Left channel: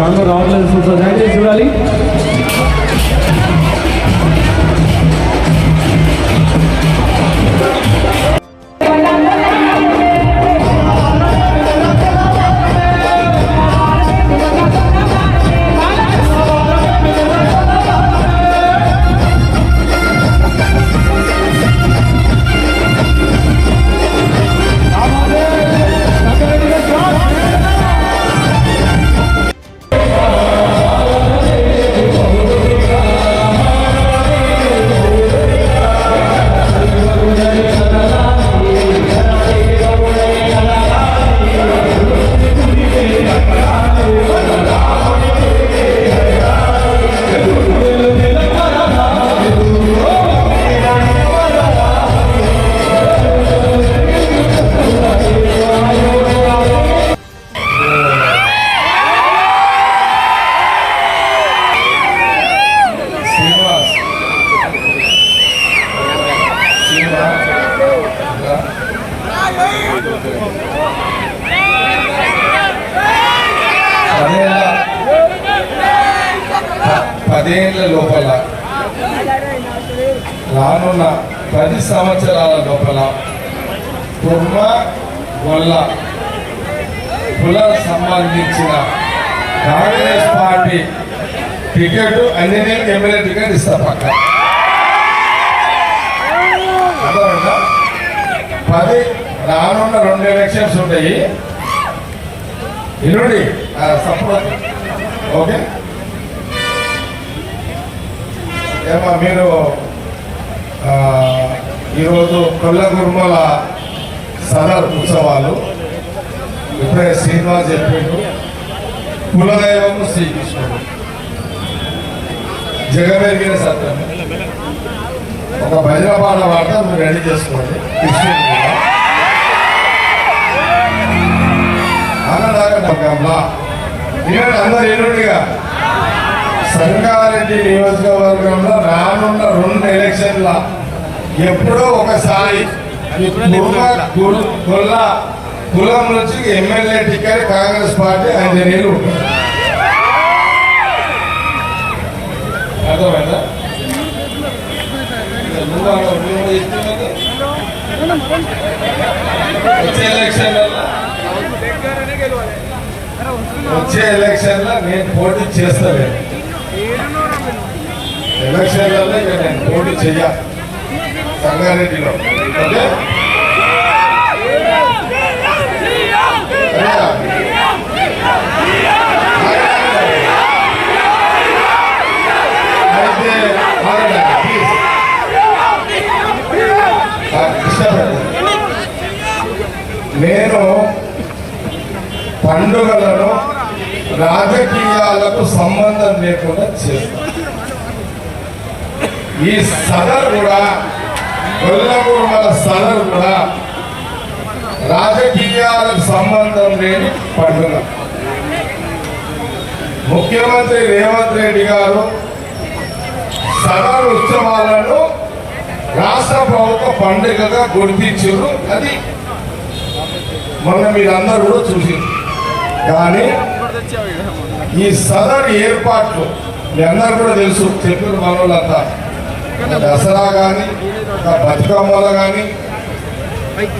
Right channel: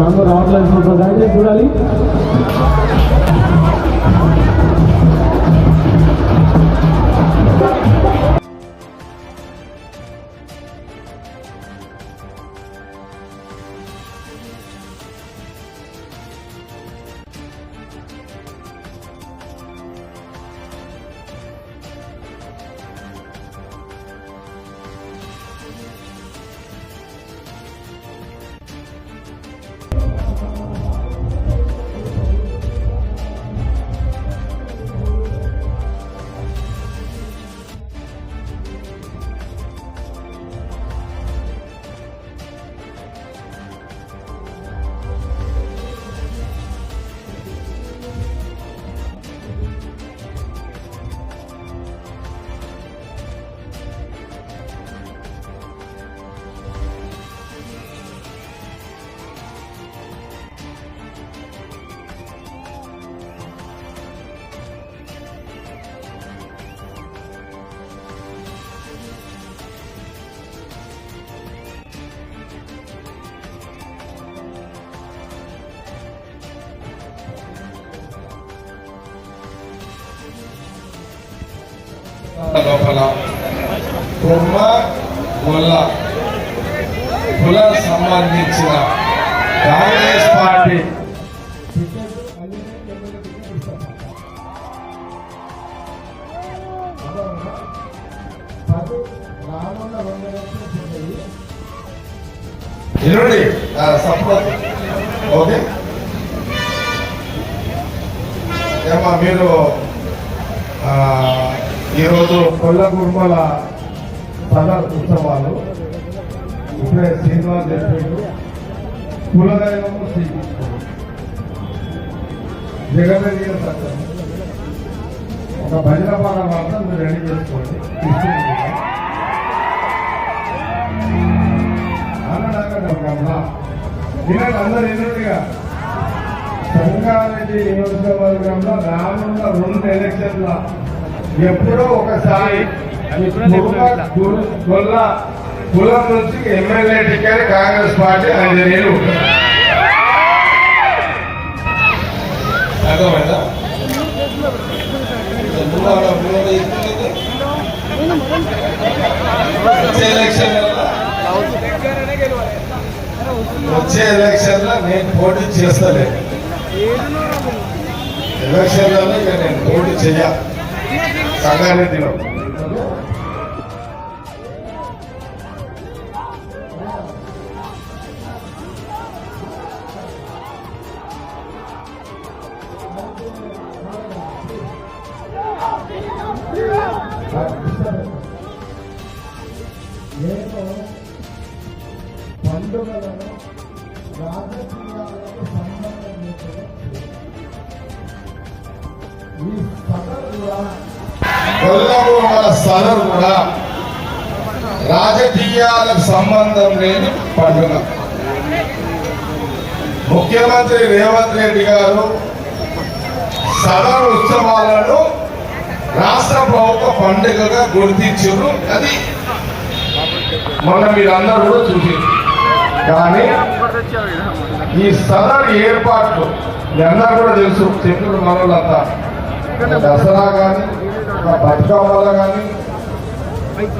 Congo రావట్లేదు. దయచేసి చూడాలి. పదేళ్ల లోపల రానున్న 10 సంవత్సరాల లోపల కుర్మ గొల్ల కులం సంబంధించిన కాంగ్రెస్ పార్టీ టికెట్ అన్ని ఎమ్మెల్యే టికెట్ ఇస్తా పక్క 10 రానున్న 2 ఎలక్షన్స్ ఉంటాయి. ఇరుడి సపోర్ట్ ఓకే. ఏమా మీరు ఈరోజు కొల్ల కుర్మల సదర్ ఉత్సవాలు ఇప్పుడే శ్రీనివాస్ చెప్పిండు. కులదైవము శ్రీకృష్ణుడు, జగమెరిగిన సత్యం. ఒక భజన పాట వార్త మీరు రెడీ చేసుకోండి. కృష్ణుడు అన్నదాకా అందరు ఎన్నుడిగా సంగారెడ్డి నియోజకవర్గంలో రానున్న 2 ఎలక్షన్ల ఎప్పుడో ఒకసారి గొల్ల కులం నుంచి ఎమ్మెల్యే టికెట్ కాంగ్రెస్ పార్టీ అంజనీయులు అర్థమైందా? వచ్చే ఎలక్షన్లో నేను పోటీ చేస్తలేను. ఎలక్షన్లలో ఇక నేను పోటీ చెయ్య సంగారెడ్డిలో. ఓకే, నేను పండుగలను రాజకీయాలకు సంబంధం లేకుండా చేస్తాను. ఈ సదర్ కూడా గొల్లగూడల సదర్ కూడా రాజకీయాలకు సంబంధం లేని పండుగ. ముఖ్యమంత్రి రేవంత్ రెడ్డి గారు సదర్ ఉత్సవాలను రాష్ట్ర ప్రభుత్వ పండుగగా గుర్తించారు. అది మనం మీరందరూ కూడా చూసారు. కానీ ఈ సదర్ ఏర్పాట్లు మీ అందరూ కూడా తెలుసు. చెప్పిన మనోళ్ళంతా దసరా కానీ, ఒక బతుకమ్మలు కానీ,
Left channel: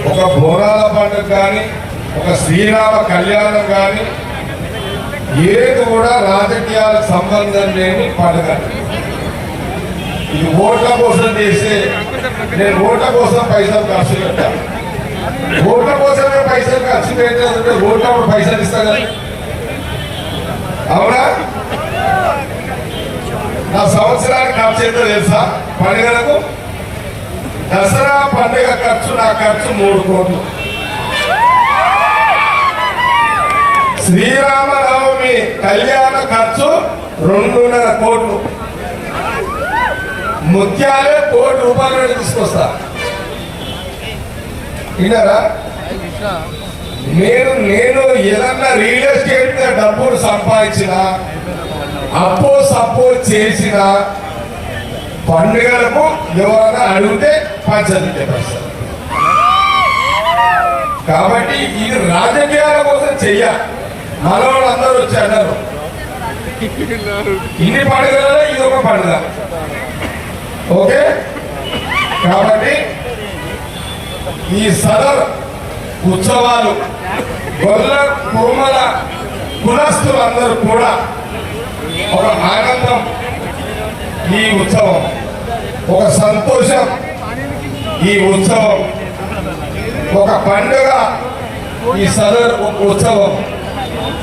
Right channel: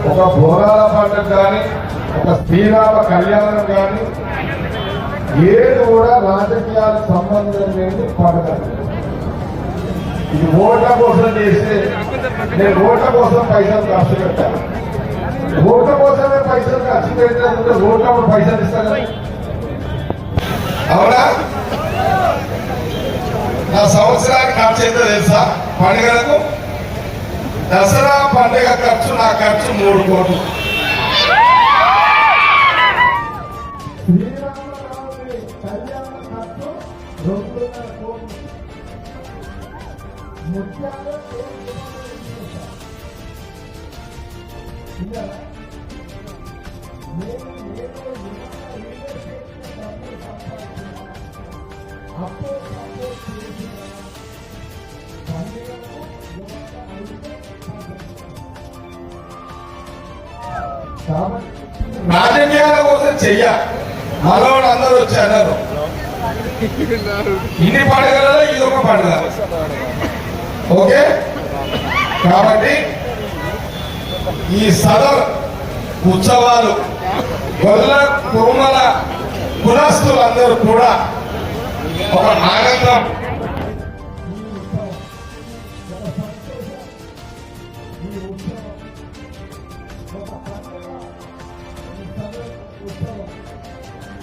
ఒక బోనాల పండుగ కానీ, ఒక శ్రీరామ కళ్యాణం కానీ ఏది కూడా రాజకీయాలకు సంబంధం లేని పండుగ. ఇది ఓట్ల కోసం చేస్తే నేను ఓట్ల కోసం పైసలు ఖర్చు పెట్టాను. ఓట్ల కోసమే పైసలు ఖర్చు పెట్టాలంటే ఓట్ల పైసలు ఇస్తా కదా. అవునా? నా సంవత్సరానికి ఖర్చు ఎంతో తెలుసా? పండుగలకు దసరా పండుగ ఖర్చు, నా ఖర్చు 3 కోట్లు. శ్రీరామనవమి కళ్యాణ ఖర్చు 2.5 కోట్లు. ముత్యాలే ₹1,00,00,000 తీసుకొస్తా. విన్నారా? నేను ఏదన్నా రియల్ ఎస్టేట్ మీద డబ్బులు సంపాదించిన, అప్పో సప్పో చేసిన పండుగలకు ఎవరైనా అడిగితే పంచాయతీ పరిస్థితి. కాబట్టి ఇది రాజకీయాల కోసం చెయ్య. మనోళ్ళు అందరూ వచ్చి అన్నారు ఇన్ని పండుగలలో ఇది ఒక పండుగ. ఓకే, కాబట్టి ఈ సదర్ ఉత్సవాలు గొల్ల కురుమల కులస్తులందరూ కూడా ఒక ఆనందం, ఈ ఉత్సవం ఒక సంతోషం, ఈ ఉత్సవం ఒక పండుగ, ఈ సదర్ ఉత్సవం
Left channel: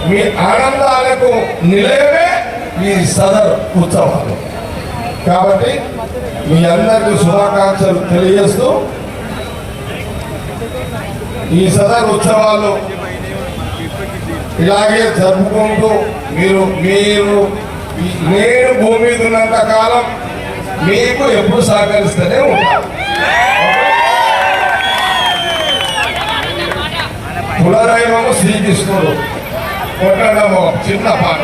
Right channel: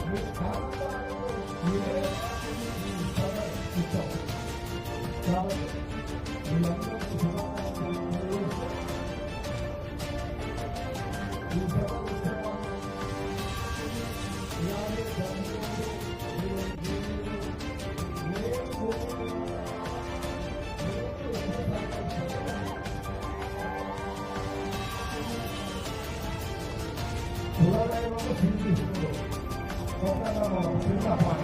మీ ఆనందాలకు నిలయమే ఈ సదర్ ఉత్సవాలు. కాబట్టి మీ అందరికీ శుభాకాంక్షలు తెలియజేస్తూ ఈ సదర్ ఉత్సవాలు ఇలాగే జరుపుకుంటూ మీరు మీరు నేను భూమి మీద ఉన్నంత కాలం మీకు ఎప్పుడు సహకరిస్తూనే ఉంటాను. కులదైవము శ్రీకృష్ణుడు, కొట్టడము చిన్న పాట.